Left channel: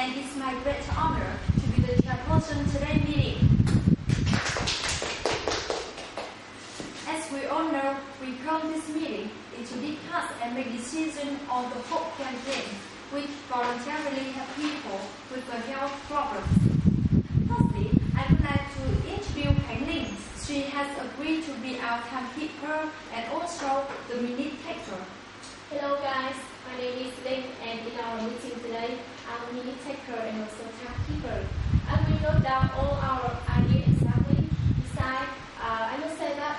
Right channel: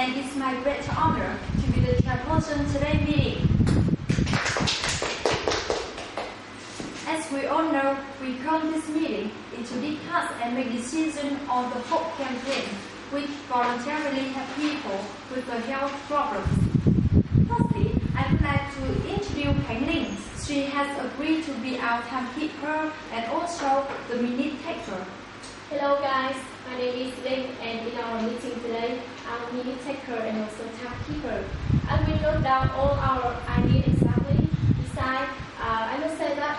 and it's my great honor to be the chairperson today's meeting. As we all know, we come this meeting to discuss and make decisions on the HOPE campaign, which voluntarily help people with the health problems. Firstly, I would like to introduce Khánh Linh. She has agreed to be our timekeeper and also the minute taker. Hello guys, my name is Linh, and in our meeting today, I'm a minute taker and also timekeeper. I will note down all our ideas exactly. Besides, I must say that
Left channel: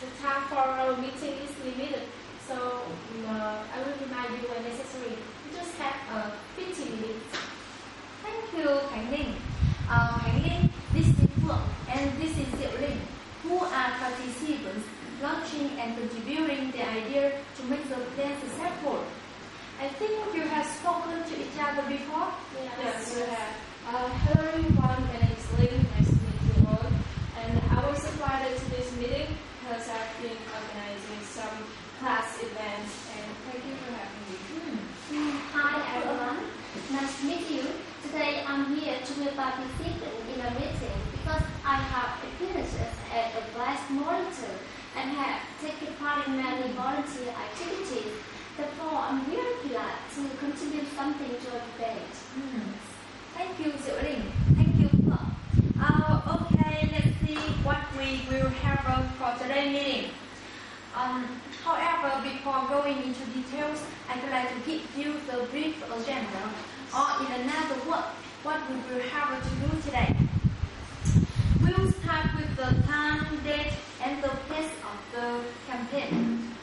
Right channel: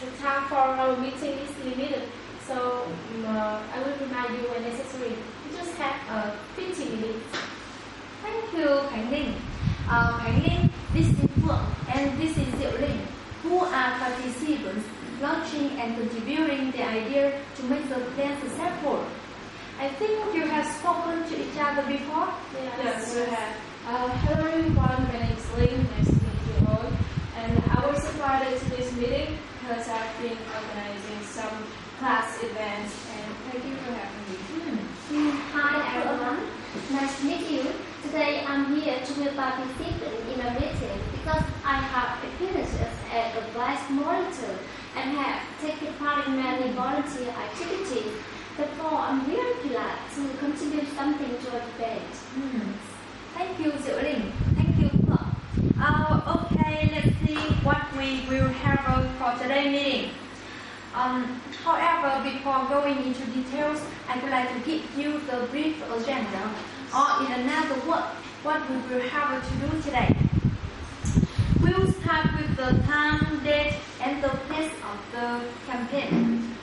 the time for our meeting is limited, so I will remind you when necessary. We just have 15 minutes. Thank you, Khánh Linh. Khánh Linh, this is Phượng, and this is Diệu Linh, who are participants launching and contributing the idea to make the plan successful. I think you have spoken to each other before? Yes, we have. Hello everyone, my name is Linh. Nice to meet you all. And I was invited to this meeting because I've been organizing some class events, and thank you for having me. Hi everyone, nice to meet you. Today I'm here to be a participant in a meeting because I have experiences as a class monitor and have taken part in many volunteer activities. Therefore, I'm really glad to contribute something to a debate. Thank you, Diệu Linh. Thank you, Phượng. Okay, let's see what we will have for today's meeting. However, before going into details, I would like to give you the brief agenda, or in another word, what we will have to do today. We will start with the time, date, and the place of the campaign.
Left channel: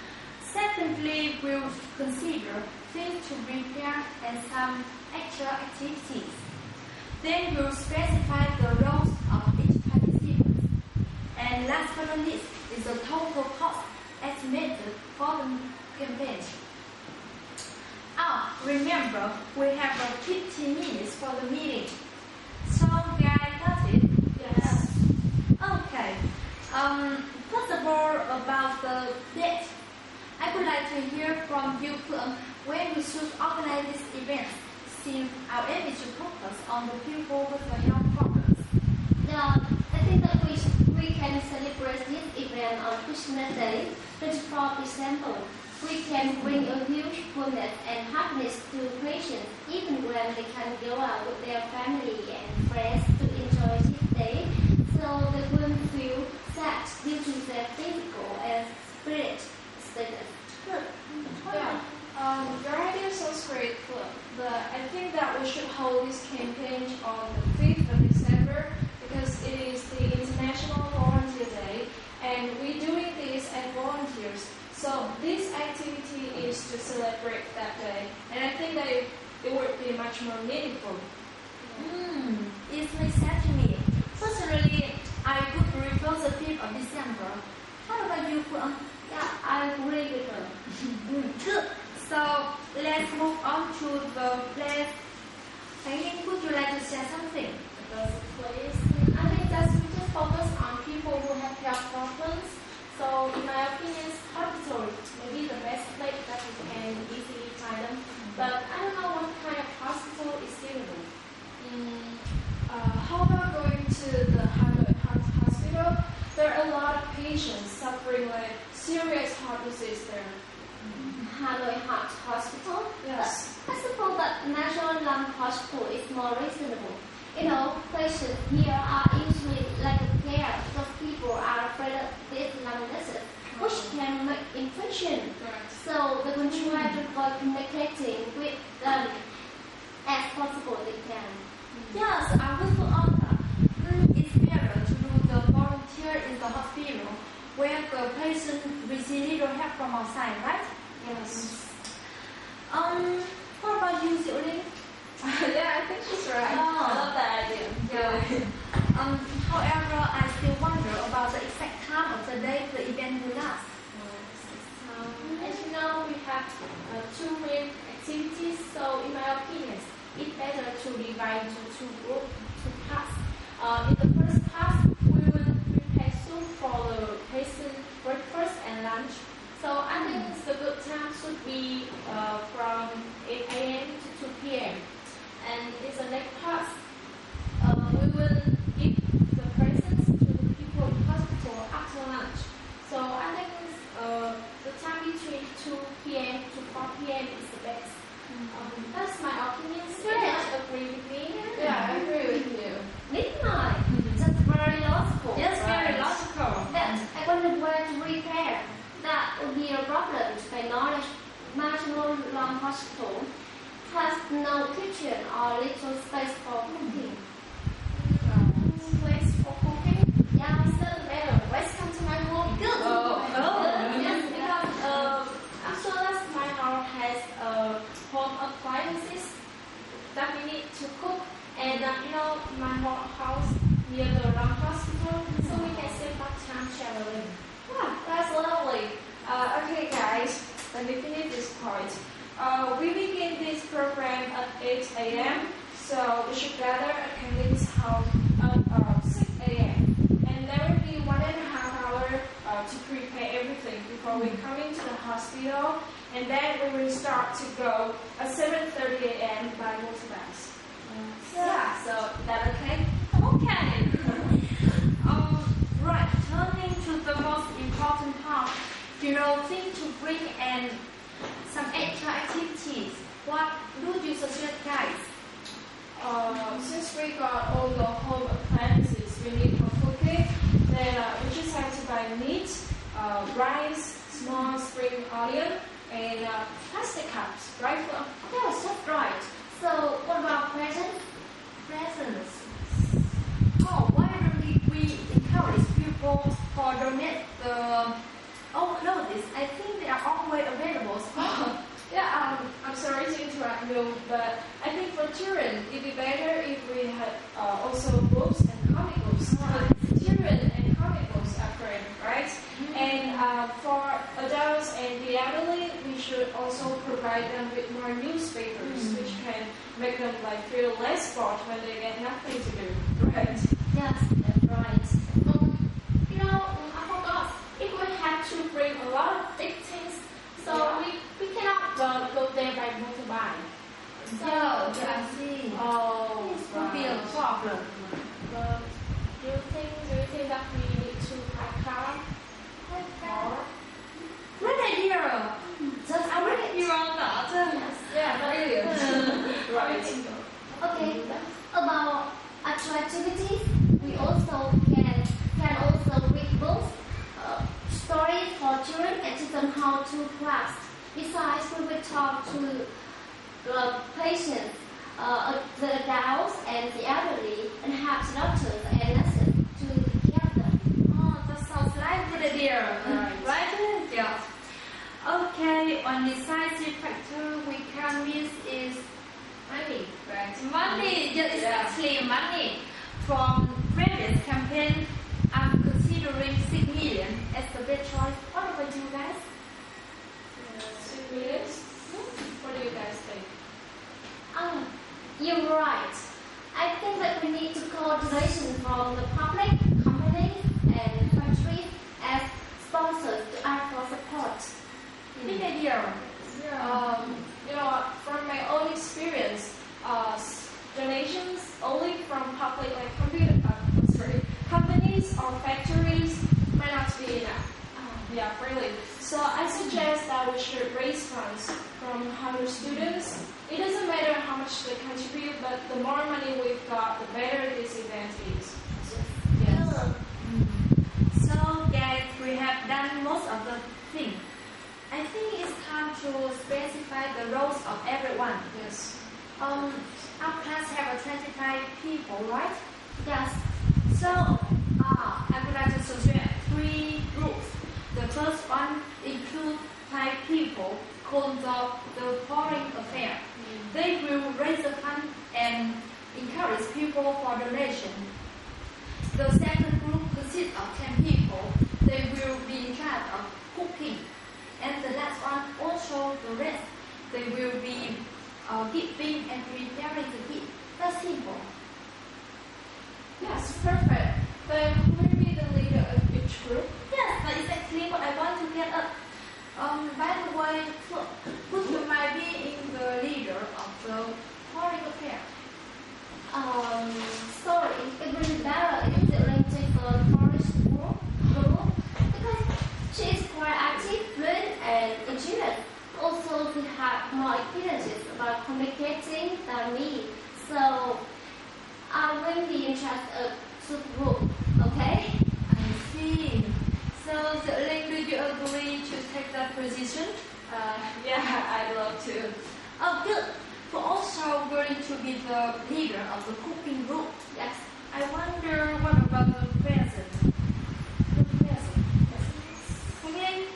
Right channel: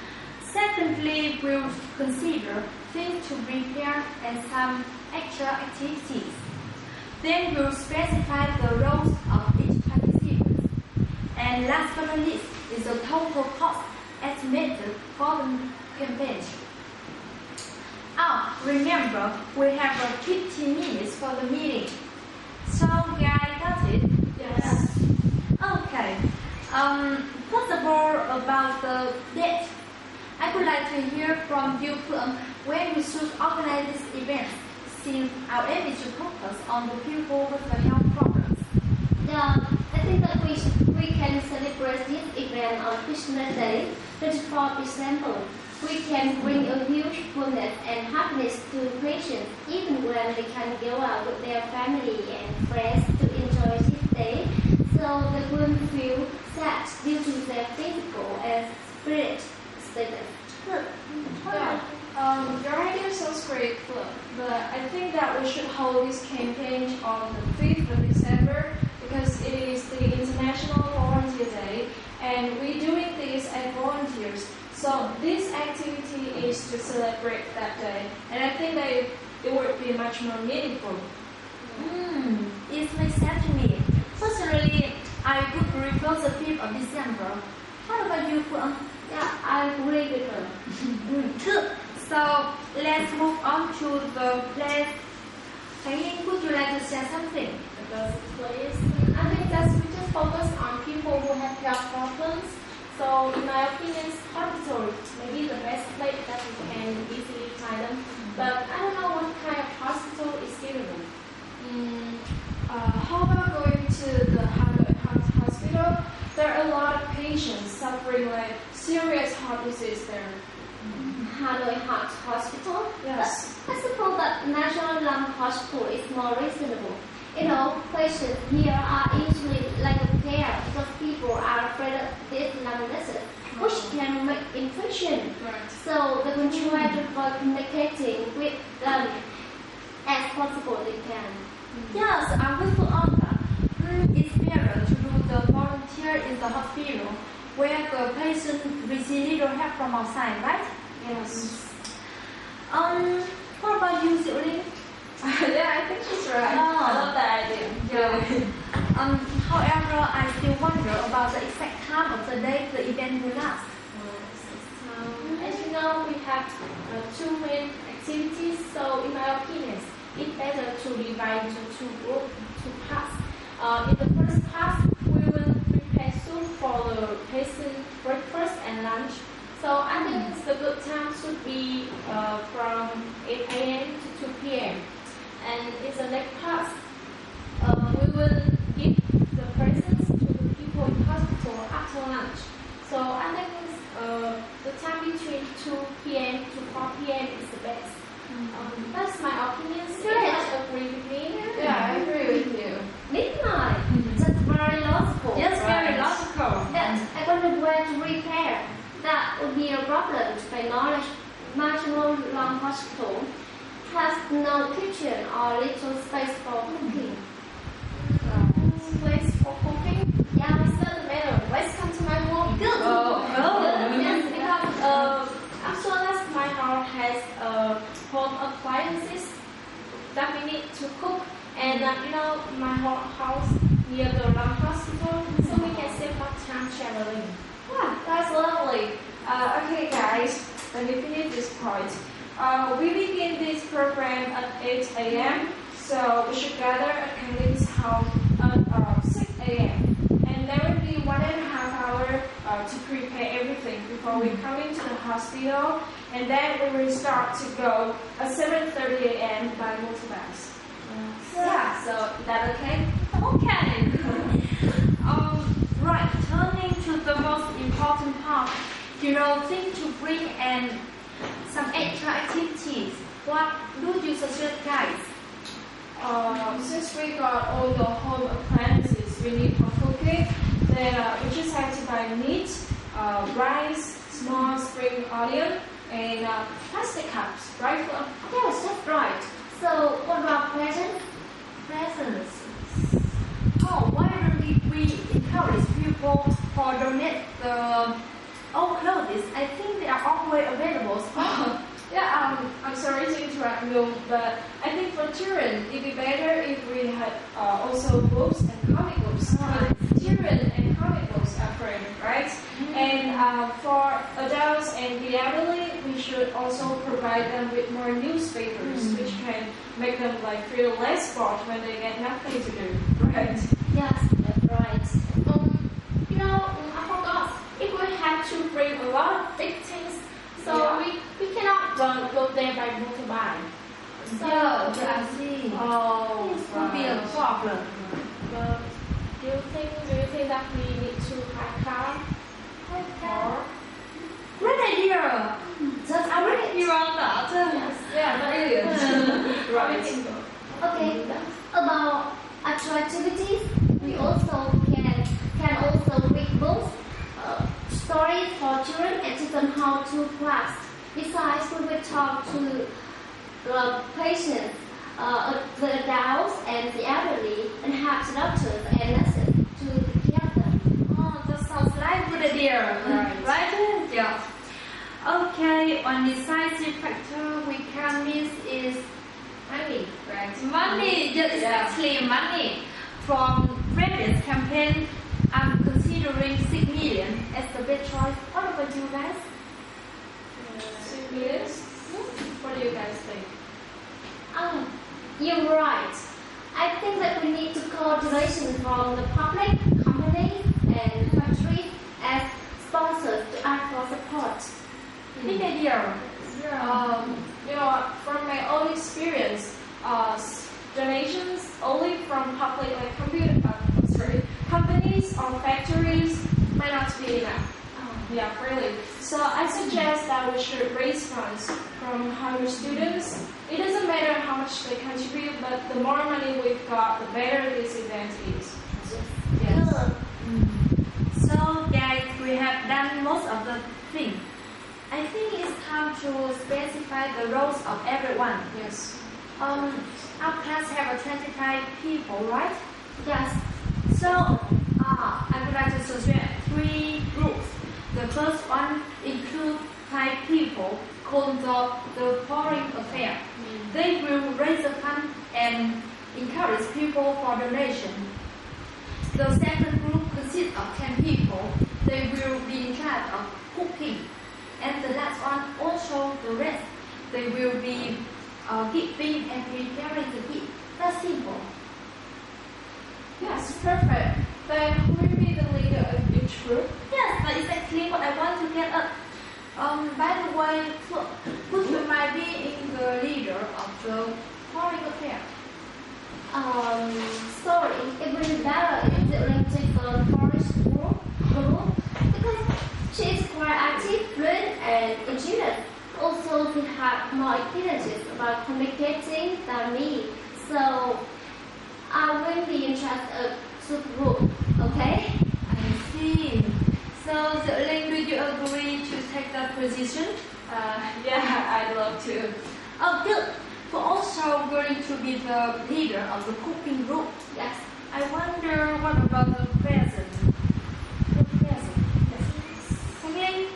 Secondly, we will consider things to prepare and some extra activities. Then we will specify the roles of each participant. And last but not least is the total cost estimated for the campaign. Remember, we have 15 minutes for the meeting. So, guys, got it? Yes. Okay. First of all, about the date. I would like to hear from you, Phượng, when we should organize this event, since our aim is to focus on the people with the health problems. Yeah, I think that we can celebrate this event on Christmas Day, 24 December. We can bring a huge fullness and happiness to patients, even when they can go out with their family and friends to enjoy this day, so they won't feel sad due to their physical and spirit status. Good. Yeah. Your idea sounds great, but I think that we should hold this campaign on the 5th of December because it is the International Volunteer Day, and we're doing this as volunteers. So this activity is to celebrate that day, and I think that it would be much more meaningful. It makes sense to me. Personally, I would prefer the 5th of December. How about you, Phượng? Yeah, I agree with her. Good. So let's move on to the place. Khánh Linh, would you like to share something? Because please, I think that we just focus on people who have health problems. So in my opinion, hospital may be the best place that we can easily find them. But I don't know what kind of hospital is suitable. How about going to the Hanoi hospital? There are a lot of patients suffering with serious heart disease there. Hanoi Heart Hospital? Yes. I suppose that National Lung Hospital is more reasonable. You know, patients here are usually like a care because people are afraid of these lung disease, which can make infection. Right. So they will try to avoid communicating with them as possible they can. Yes, I will put on that. It's better to do the volunteer in the hospital where the patient receives little help from outside, right? Yes. What about you, Diệu Linh? Yeah, I think she's right. I love that idea. Yeah. However, I still wonder about the exact time of the day the event will last. As you know, we have 2 main activities, so in my opinion, it's better to divide into 2 groups, 2 parts. In the first part, we will prepare soup for the patient breakfast and lunch. So I think the good time should be from 8 a.m. to 2 p.m. And it So I think the time between 2 p.m. to 4 p.m. is the best. That's my opinion. Do you agree with me? Yeah, I agree with you. Midnight. That's very logical. Yes, very logical. That I wonder where to repair. That would be a problem. To my knowledge, National Lung Hospital has no kitchen or little space for cooking. Place for cooking? Yeah, It doesn't matter. Let's come to my room. good. Yes, because as well as my house has home appliances that we need to cook, and my house near the lung hospital, so we can save up time traveling. Yeah, that's lovely. Okay, guys, let me finish this part. We begin this program at 8 a.m., so we should gather at Kennedy's house at 6 a.m. And there will be 1.5 hours to prepare everything before we come into the hospital, and then we will start to go at 7:30 a.m. by motorbus. Yeah, so that okay? Okay. Right, turning to the most important part, think to bring in some extra activities. What do you suggest, guys? Since we got all the home appliances we need for cooking, then we just have to buy meat, rice, small spring onion, and plastic cups, right? Yes, that's right. So what about presents? Presents. Oh, why don't we encourage people to donate the old clothes? I think they are always available. Yeah, I'm sorry to interrupt you, but I think for children, it'd be better if we had also books and comic books. Because children and comic books are great, right? And for adults and the elderly, we should also provide them with more newspapers, which can make them feel less bored when they get nothing to do, right? Yes, that's right. I forgot. If we have to bring a lot of big things, so we cannot go there by motorbike. So I see. Oh, This could be a problem. Do you think that we need to hire car? Or Great idea. just I really you on that. yeah, brilliant. Right. Okay. About actual activities, we also can also read books, stories for children, and teach them how to craft. Besides, we will talk to the patients, the adults, and the elderly, and have doctors and nurses to care them. Oh, that sounds like a good idea. Right? Yeah. Okay, one decisive factor we can miss is Money, right? money. Yes, exactly, money. From previous campaign, I'm considering 6 million as the best choice. What about you guys? 6 million? What do you guys think? You're right. I think that we need to coordination from the public, companies, and countries as sponsors to ask for support. Big idea. From my own experience, donations only from public companies or factories might not be enough. Yeah, really. So I suggest that we should raise funds from higher students. It doesn't matter how much they contribute, but the more money we've got, the better this event is. Yes. So, guys, we have done most of the thing. I think it's time to specify the roles of everyone. Yes. Our class have 25 people, right? Yes. So, I would like to suggest 3 groups. The first one includes 5 people called the foreign affair. They will raise the fund and encourage people for donation. The second group consists of 10 people. They will be in charge of cooking. And the last one also the rest. They will be giving and preparing the gift. That's simple. Yes, perfect. Then who will be the leader of each group? Yes, that's exactly what I want to get at. By the way, who you might be in the leader of the foreign affair? Sorry, it will be better if the relative forest group because position? Yeah, I'd love to. Oh, good. We're also going to be the leader of the cooking group. Yes. I wonder what about the present? The present. Again,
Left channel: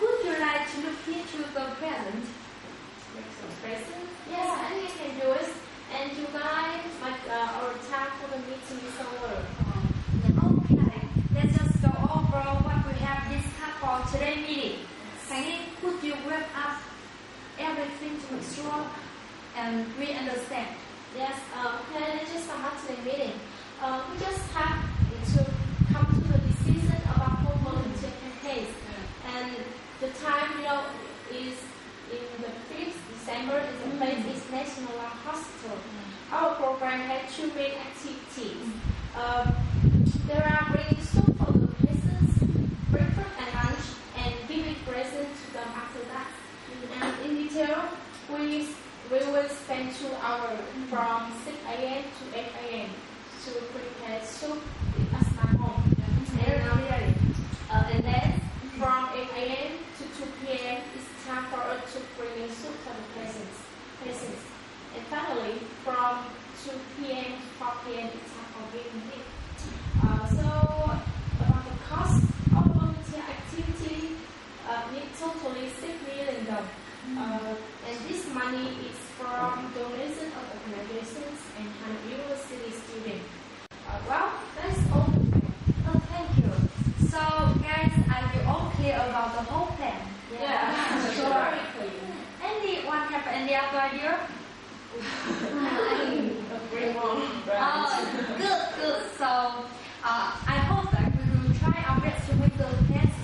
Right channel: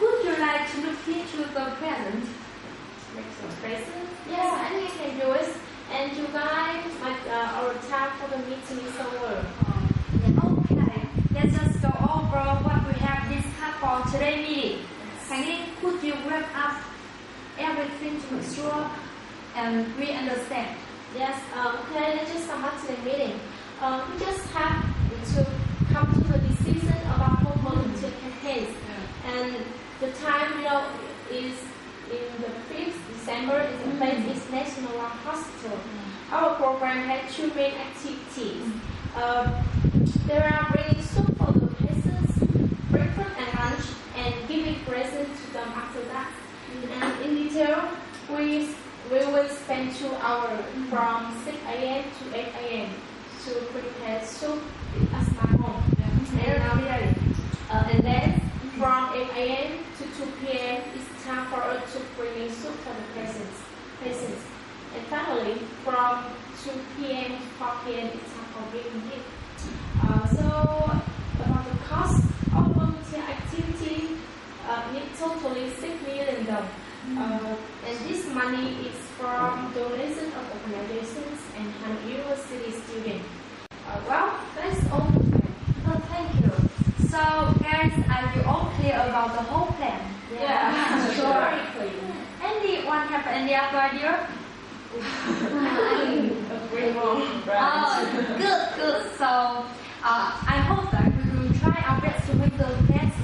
would you like to look into the present? Present? Yes, I think I can do it. And you guys, our time for the meeting is over. Okay, let's just go over what we have discussed for today's meeting. Again, could you wrap up everything to make sure and we understand? Yes, okay, let's just sum up today's meeting. We just have to come to the decision about home volunteer campaigns. And the time, is in the 5th December, is the place is National Lung Hospital. Our program had 2 main activities. There are bringing soup for the patients, breakfast and lunch, and giving presents to them after that. And in detail, we will spend 2 hours from 6 a.m. to 8 a.m. to prepare soup at my home. And then from 8 a.m. to 2 p.m. it's time for us to bring in soup for the patients. And finally, from 2 p.m. to 4 p.m. it's time for giving gifts. So about the cost of volunteer activity, it's totally $6 million. And this money is from donations of organizations and university students. Well, that's all. Oh, thank you. So, guys, are you all clear about the whole plan? Yeah, sure. Very clear. Anyone have any other idea? Good. So, I hope that we will try our best to make the plans